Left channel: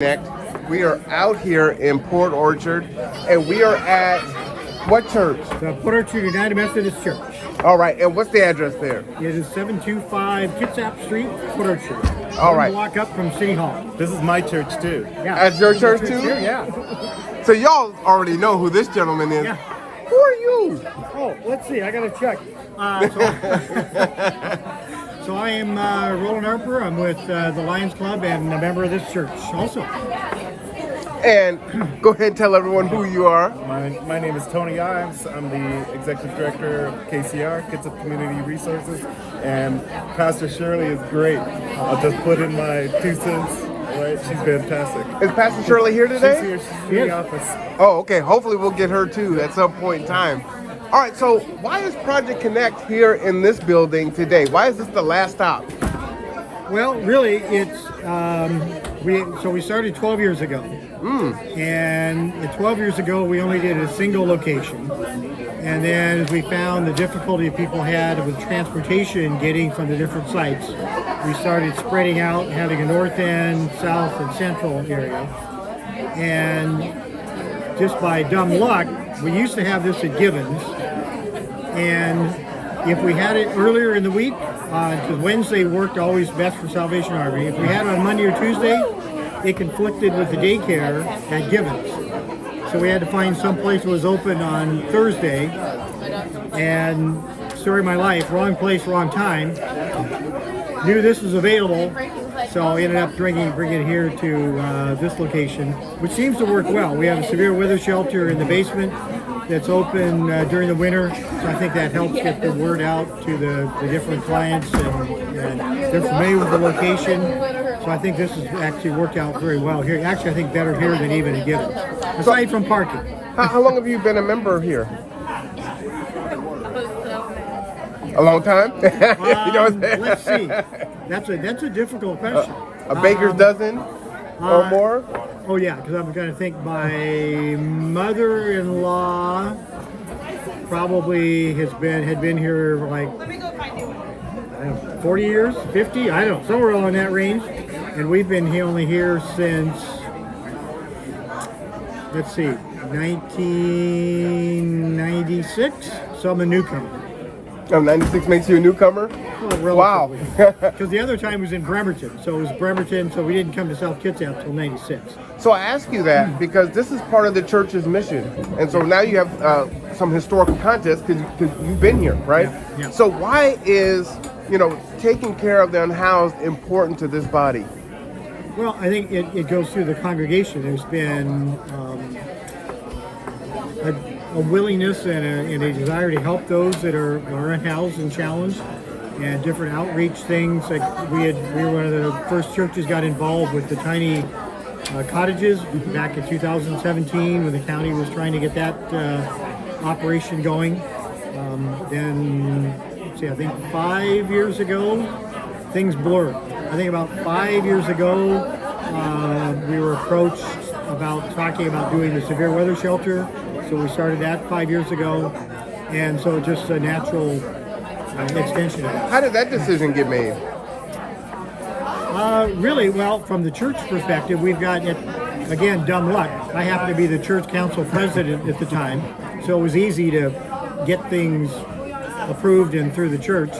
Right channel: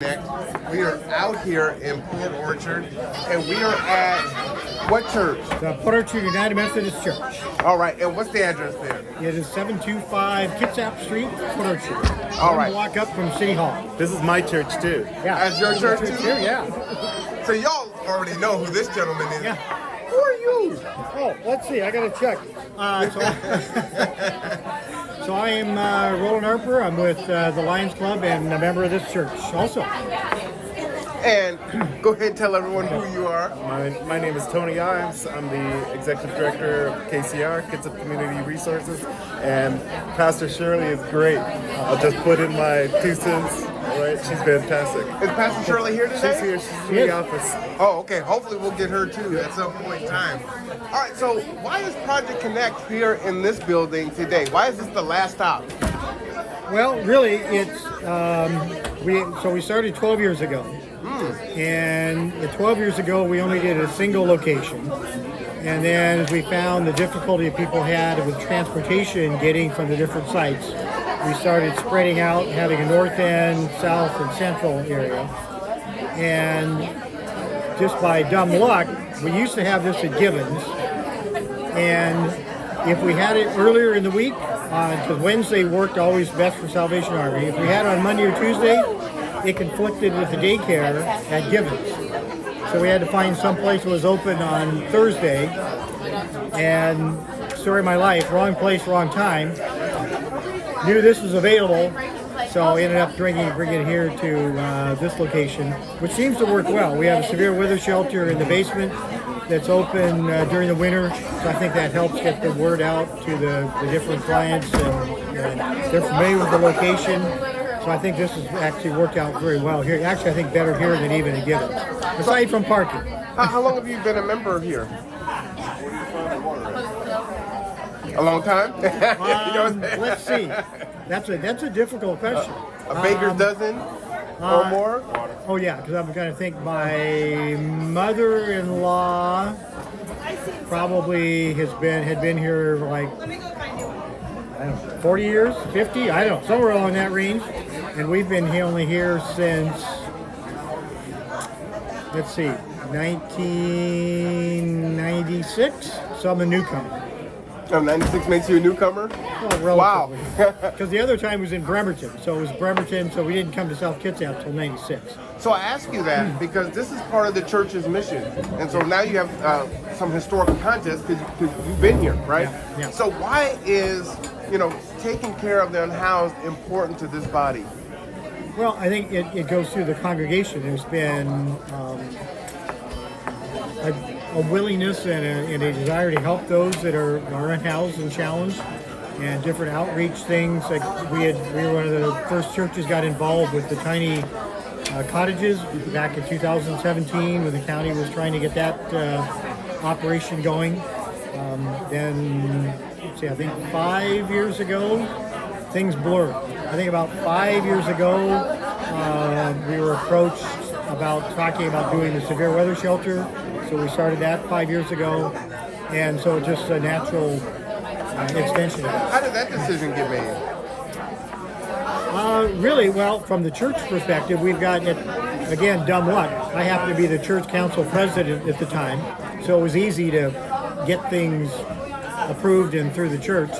We are out here in Port Orchard, and we are at what church? The Port Orchard United Methodist Church. All right, and what's the address there? It is 725 Kitsap Street, Port Orchard. All One right. block up from City Hall. This is my church too. Yeah. That's your church too? Here, yeah. So y'all already know who this gentleman is. Yeah. Who are you? Oh, let's see. I got to check. So I am Roland Arper. I'm with the Lions Club and a member of this church also. And go ahead and tell everyone who you are. My name is Tony Ives. I'm the executive director of KCR, Kitsap Community Resources, and Pastor Shirley is great. I'll just put in my 2 cents. Right, she's fantastic. Is Pastor Shirley here today? She's here. She's in the office. Oh, okay. Hopefully we'll get her too at some point in time. All right, so why is Project Connect here in this building today? Why is this the last stop? Well, really, it's we started 12 years ago, and 12 years ago we only did a single location, and then as we found the difficulty people had with transportation getting from the different sites, we started spreading out, having a north end, south, and central area, and just by dumb luck, we used to have this at Gibbons, and if we had it earlier in the week, because Wednesday worked always best for Salvation Army. If we had it on Monday or Tuesday, it conflicted with the daycare at Gibbons. So we had to find some place that was open on Thursday. And story of my life, wrong place, wrong time. Knew this was available, so ended up bringing it here to this location, which seems to work well. We have a severe weather shelter in the basement that's open during the winter, so I think that helps get the word out to the different clients, and they're familiar with the location. So I think this has actually worked out very well here. Actually, I think better here than even at Gibbons, aside from parking. How long have you been a member here? A long time? You know what I'm saying? Let's see. That's a difficult question. A baker's dozen or more? Oh yeah, because I'm going to think my mother-in-law probably had been here like, I don't know, 40 years, 50, I don't know, somewhere along that range. And we've been only here since, let's see, 1996. So I'm a newcomer. Oh, 96 makes you a newcomer? Oh, relatively. Because the other time was in Bremerton. So it was Bremerton, so we didn't come to South Kitsap until 96. So I ask you that because this is part of the church's mission. And so now you have some historical context because you've been here, right? Yeah. So why is, taking care of the unhoused important to this body? Well, I think it goes through the congregation. There's been a willingness and a desire to help those that are unhoused and challenged, and different outreach things. Like we were one of the first churches got involved with the tiny cottages back in 2017 when the county was trying to get that operation going. Then, let's see, I think 5 years ago, things blurred. I think about 5 years ago, we were approached about talking about doing the severe weather shelter. So we started that 5 years ago, and so just a natural extension of it. How did that decision get made? Really, well, from the church perspective, we've got it, again, dumb luck. I happened to be the church council president at the time, so it was easy to get things approved and through the church.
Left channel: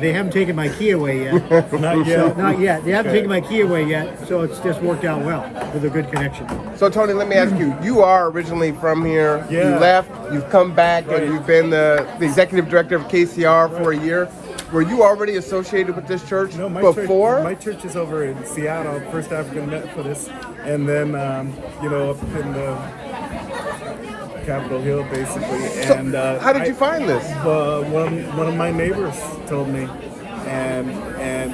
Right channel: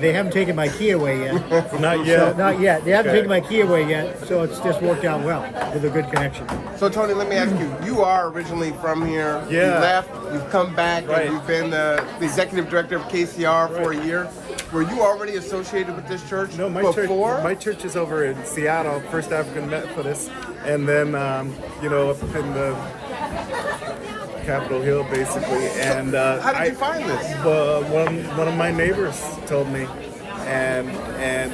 They haven't taken my key away yet. Not yet. So, not yet. They haven't Okay. taken my key away yet, so it's just worked out well with a good connection. So Tony, let me ask you, you are originally from here. Yeah. You left, you've come back, Right. and you've been the executive director of KCR for a year. Were you already associated with this church No, before? my church is over in Seattle, First African Methodist, and then up in the Capitol Hill, basically. And How did you find this? one of my neighbors told me, and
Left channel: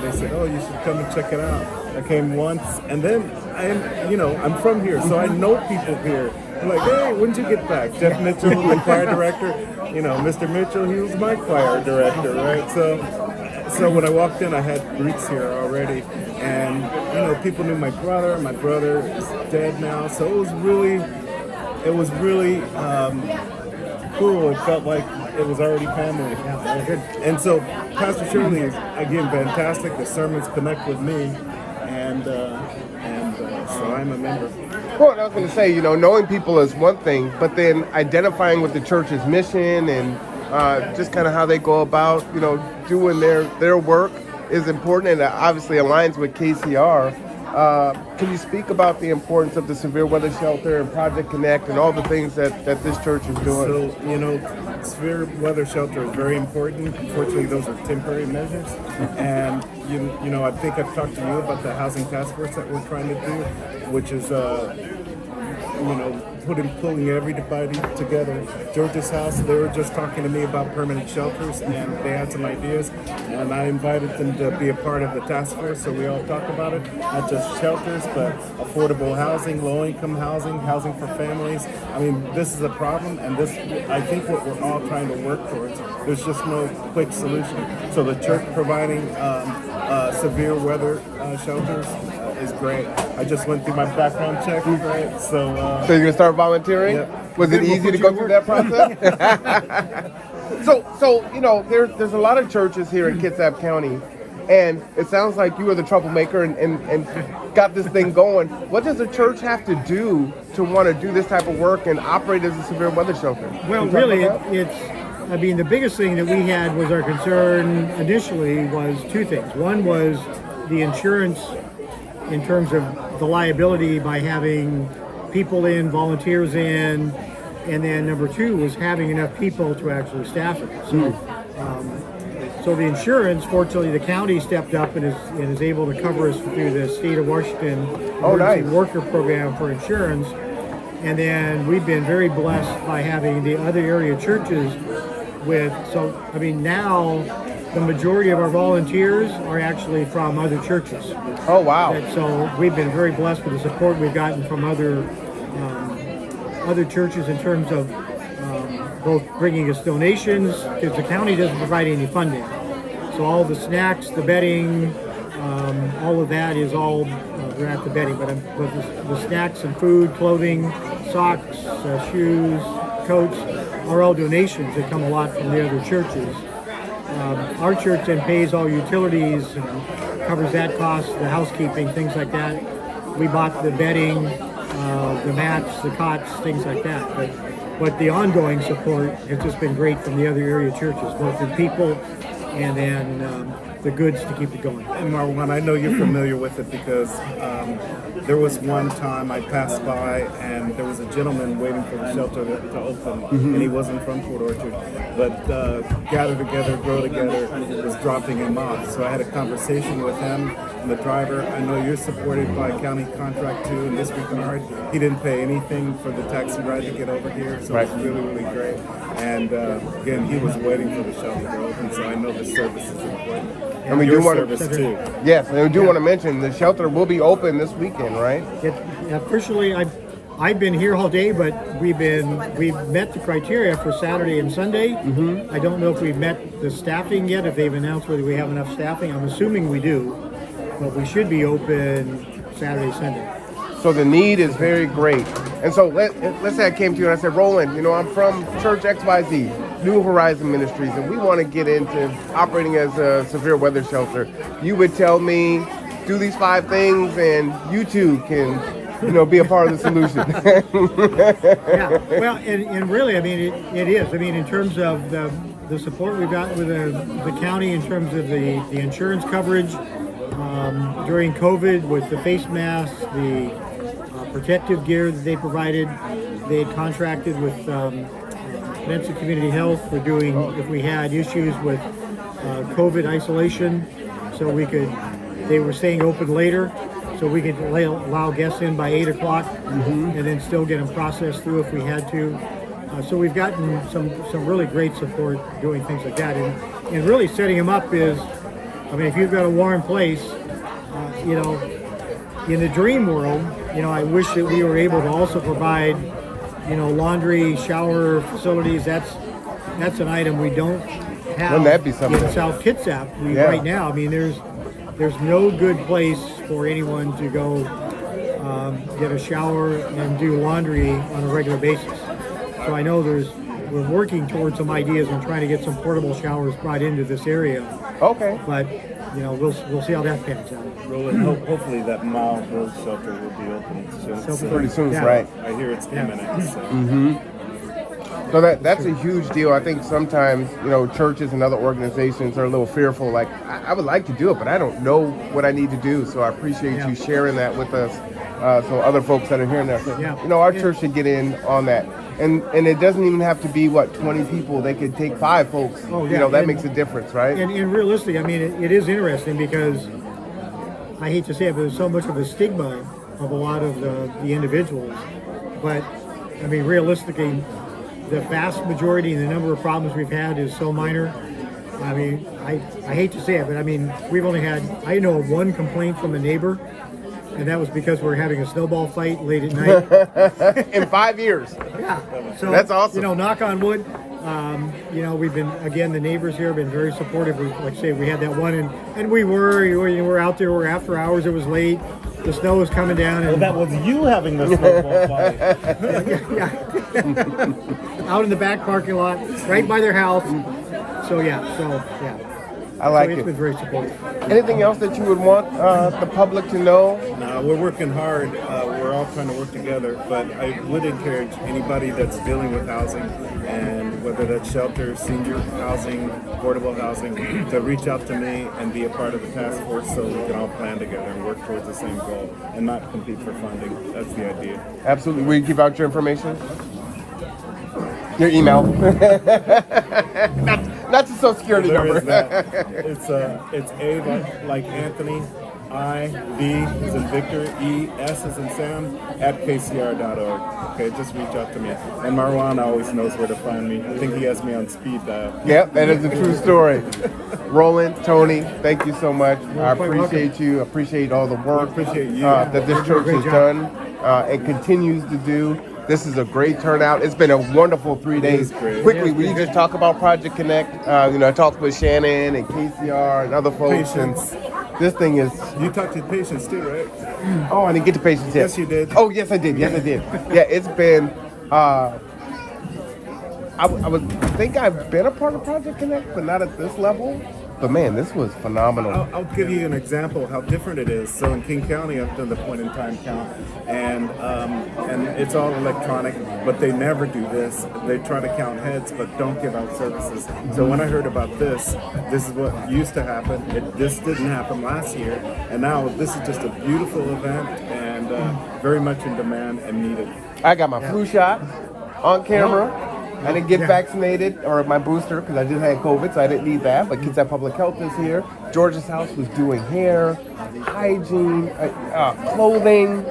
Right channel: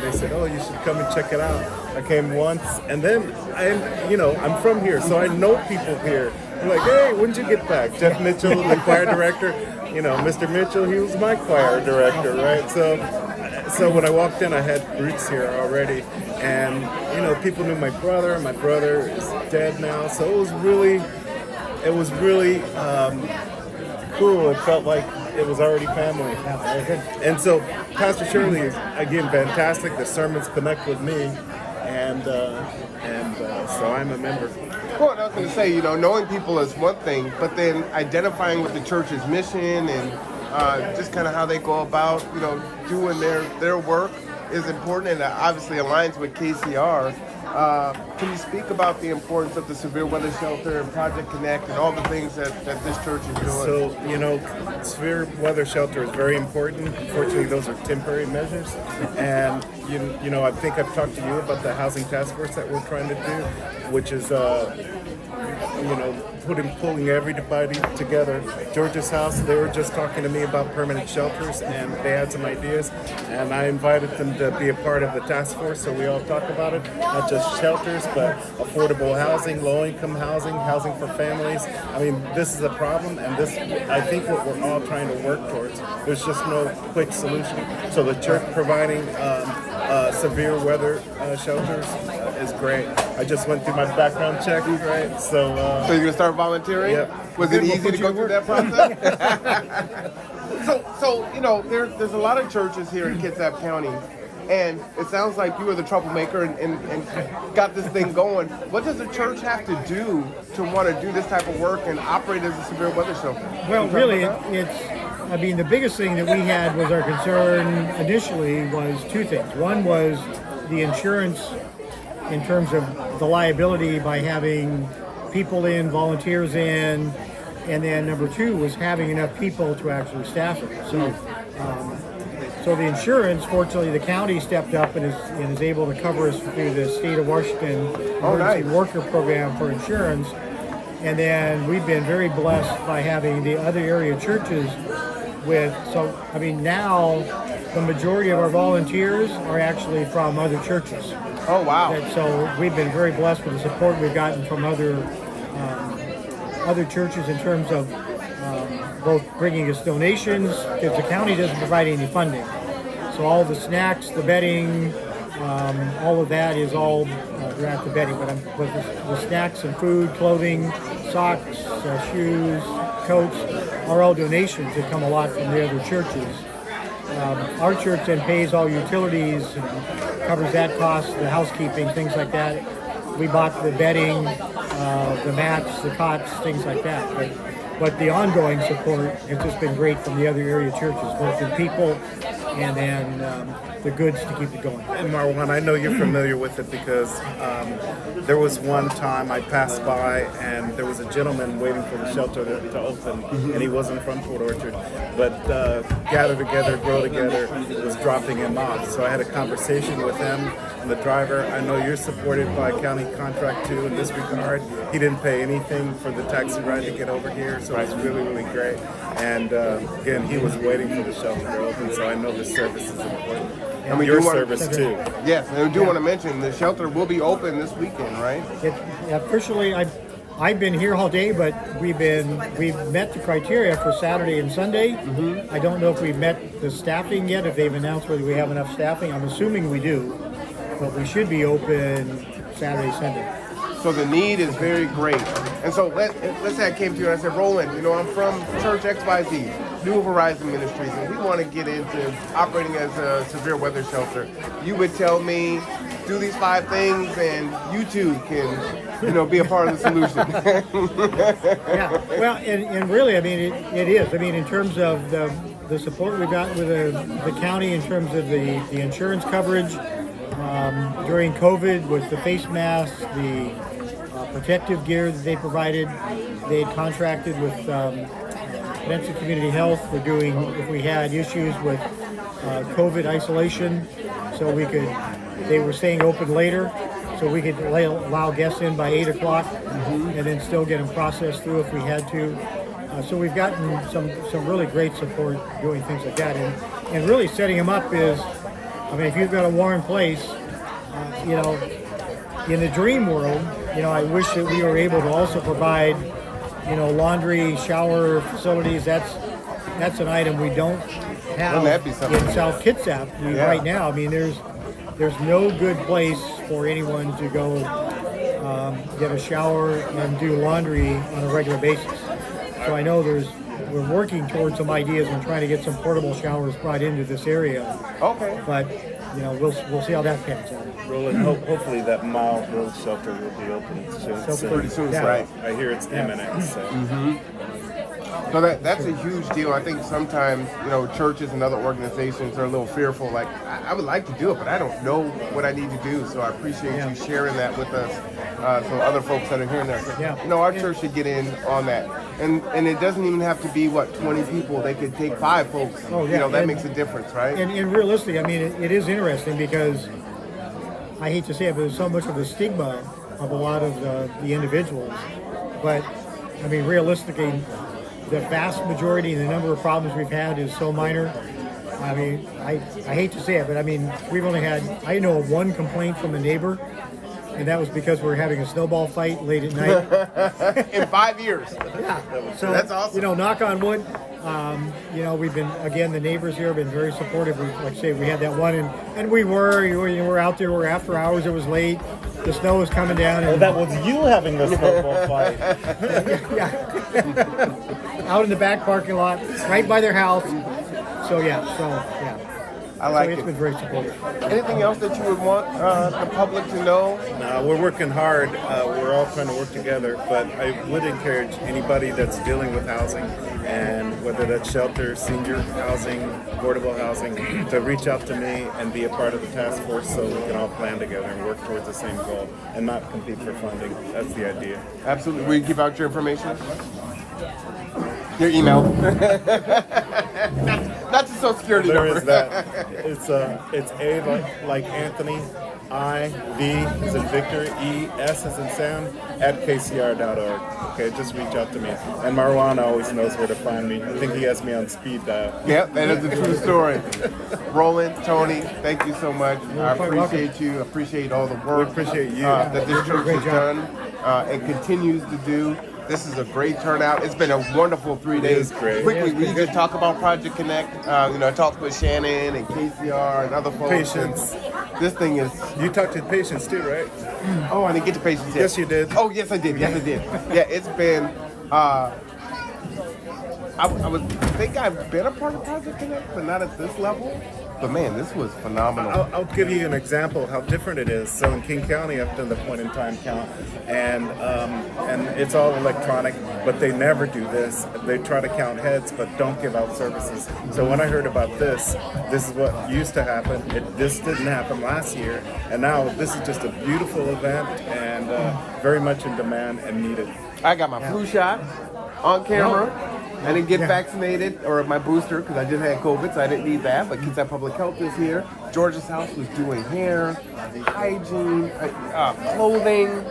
they said, "Oh, you should come and check it out." I came once, and then I'm from here, so I know people here. I'm like, "Hey, when did you get back?" Jeff Mitchell, the choir director. Mr. Mitchell, he was my choir director, right? So when I walked in, I had roots here already, and people knew my brother. My brother is dead now, so it was really cool. It felt like it was already family. And so Pastor Shirley is, again, fantastic. The sermons connect with me. And so I'm a member. Well, I was going to say, knowing people is one thing, but then identifying with the church's mission and just kind of how they go about, doing their work is important, and it obviously aligns with KCR. Can you speak about the importance of the Severe Weather Shelter and Project Connect and all the things that this church is doing? So, Severe Weather Shelter is very important. Unfortunately, those are temporary measures. And, I think I've talked to you about the housing task force that we're trying to do, which is, pulling everybody together. George's house, they were just talking to me about permanent shelters, and they had some ideas, and I invited them to be a part of the task force, so we all talk about it, not just shelters, but affordable housing, low-income housing, housing for families. I mean, this is a problem, and I think what we're all trying to work towards. There's just no quick solution. So the church providing severe weather shelters is great. I just went through my background check, right? So you're gonna start volunteering? Yep. Was it easy to go through that process? so there's a lot of churches here in Kitsap County, and it sounds like you were the troublemaker and got this thing going. What does a church have to do to want to do this type of work and operate as a severe weather shelter? Well, really, the biggest thing that we had was our concern initially was two things. One was the insurance in terms of the liability by having people in, volunteers in, and then number two was having enough people to actually staff it. So the insurance, fortunately, the county stepped up and is able to cover us through the state of Washington emergency worker program for insurance. And then we've been very blessed by having the other area churches now the majority of our volunteers are actually from other churches. Oh, wow. So we've been very blessed with the support we've gotten from other churches in terms of both bringing us donations, because the county doesn't provide any funding. So all the snacks, the bedding, all of that is all, we're at the bedding, but the snacks and food, clothing, socks, shoes, coats are all donations that come a lot from the other churches. Our church then pays all utilities and covers that cost, the housekeeping, things like that. We bought the bedding, the mats, the cots, things like that. But the ongoing support has just been great from the other area churches, both in people and then the goods to keep it going. And Marwan, I know you're familiar with it because there was one time I passed by and there was a gentleman waiting for the shelter to open, and he wasn't from Port Orchard, but Gather Together, Grow Together was dropping him off. So I had a conversation with him and the driver. I know you're supported by county contract too in this regard. He didn't pay anything for the taxi ride to get over here, so it's really, really great. And again, he was waiting for the shelter to open, so I know the service is important. And your service too. Yes, and I do want to mention the shelter will be open this weekend, right? Officially, I've been here all day, but we've met the criteria for Saturday and Sunday. I don't know if we've met the staffing yet, if they've announced whether we have enough staffing. I'm assuming we do, but we should be open Saturday, Sunday. So the need is very great. And so let's say I came to you and I said, Roland, I'm from Church XYZ, New Horizon Ministries, and we want to get into operating as a severe weather shelter. You would tell me, do these 5 things and you too can, be a part of the solution. Yeah, well, and really, it is. In terms of the support we got with the county in terms of the insurance coverage, during COVID with the face masks, the protective gear that they provided. They had contracted with Peninsula Community Health for doing, if we had issues with COVID isolation, so they were staying open later, so we could allow guests in by 8 o'clock and then still get them processed through if we had to. So we've gotten some really great support doing things like that. And really setting them up is, if you've got a warm place, in the dream world, I wish that we were able to also provide, laundry, shower facilities. That's an item we don't have in South Kitsap right now. There's no good place for anyone to go get a shower and do laundry on a regular basis. So I know we're working towards some ideas and trying to get some portable showers brought into this area. Okay. But we'll see how that pans out. Roland, hopefully that mile build shelter will be open soon. So pretty soon, yeah. right? I hear it's imminent. So. So that's a huge deal. I think sometimes, churches and other organizations are a little fearful. Like, I would like to do it, but I don't know what I need to do. So I appreciate you sharing that with us. So other folks that are hearing that, our church should get in on that. And it doesn't even have to be 20 people. They could take 5 folks. Oh yeah, that makes a difference, right? And realistically, I mean, it is interesting because I hate to say it, but there's so much of a stigma of a lot of the individuals. But I mean, realistically, the vast majority and the number of problems we've had is so minor. I mean, I hate to say it, but I mean, we've only had, I know of one complaint from a neighbor, and that was because we were having a snowball fight late at night. In 5 years. Yeah. So, that's awesome. Knock on wood, we've been, again, the neighbors here have been very supportive. Like I say, we had that one, and we were out there, we're after hours, it was late. The snow was coming down. And, that was you having the snowball fight. yeah. Out in the back parking lot, right by their house. So yeah. I like it's been very supportive. Anything else that you would want the public to know? No, we're working hard. We're all trying to work together, but I would encourage anybody that's dealing with housing, and whether that's shelter, senior housing, affordable housing, to reach out to me and be a part of the task force so we can all plan together and work towards the same goal and not compete for funding. That's the idea. Absolutely. Will you keep out your information? Your email. not to Social Security. There is that. It's A like Anthony, I, V as in Victor, E, S as in Sam, at kcr.org. Okay, just reach out to me. And Marwan always knows where to find me. I think he has me on speed dial. Yep, that is a true story. Roland, Tony, thank you so much. I appreciate you. Appreciate all the work. We appreciate you. That this church has done and continues to do. This is a great turnout. It's been a wonderful 3 days. It is great. Quickly, we could talk about Project Connect. I talked with Shannon and KCR and other folks. Patience. This thing is... You talked to patients too, right? Oh, I didn't get to patience yet. Yes, you did. Oh, yes, I did. Yes, I did. Yeah, it's been... I would think I've been a part of Project Connect, but not at this level. But man, this was phenomenal. I'll give you an example of how different it is. So in King County, I've done the point-in-time count, and it's all electronic, but they never do this. They try to count heads, but don't give out services. So when I heard about this is what used to happen. This didn't happen last year, and now this is just a beautiful event and very much in demand and needed. I got my flu shot on camera. I didn't get vaccinated or my booster because I did have COVID, so I didn't need that. But Kitsap Public Health is here. George's house was doing hair, hygiene, clothing.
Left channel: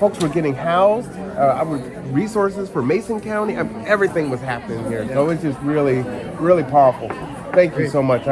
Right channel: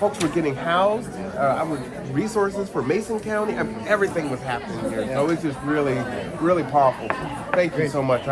Folks were getting housed. Resources for Mason County. Everything was happening here. So it's just really, really powerful. Thank you so much.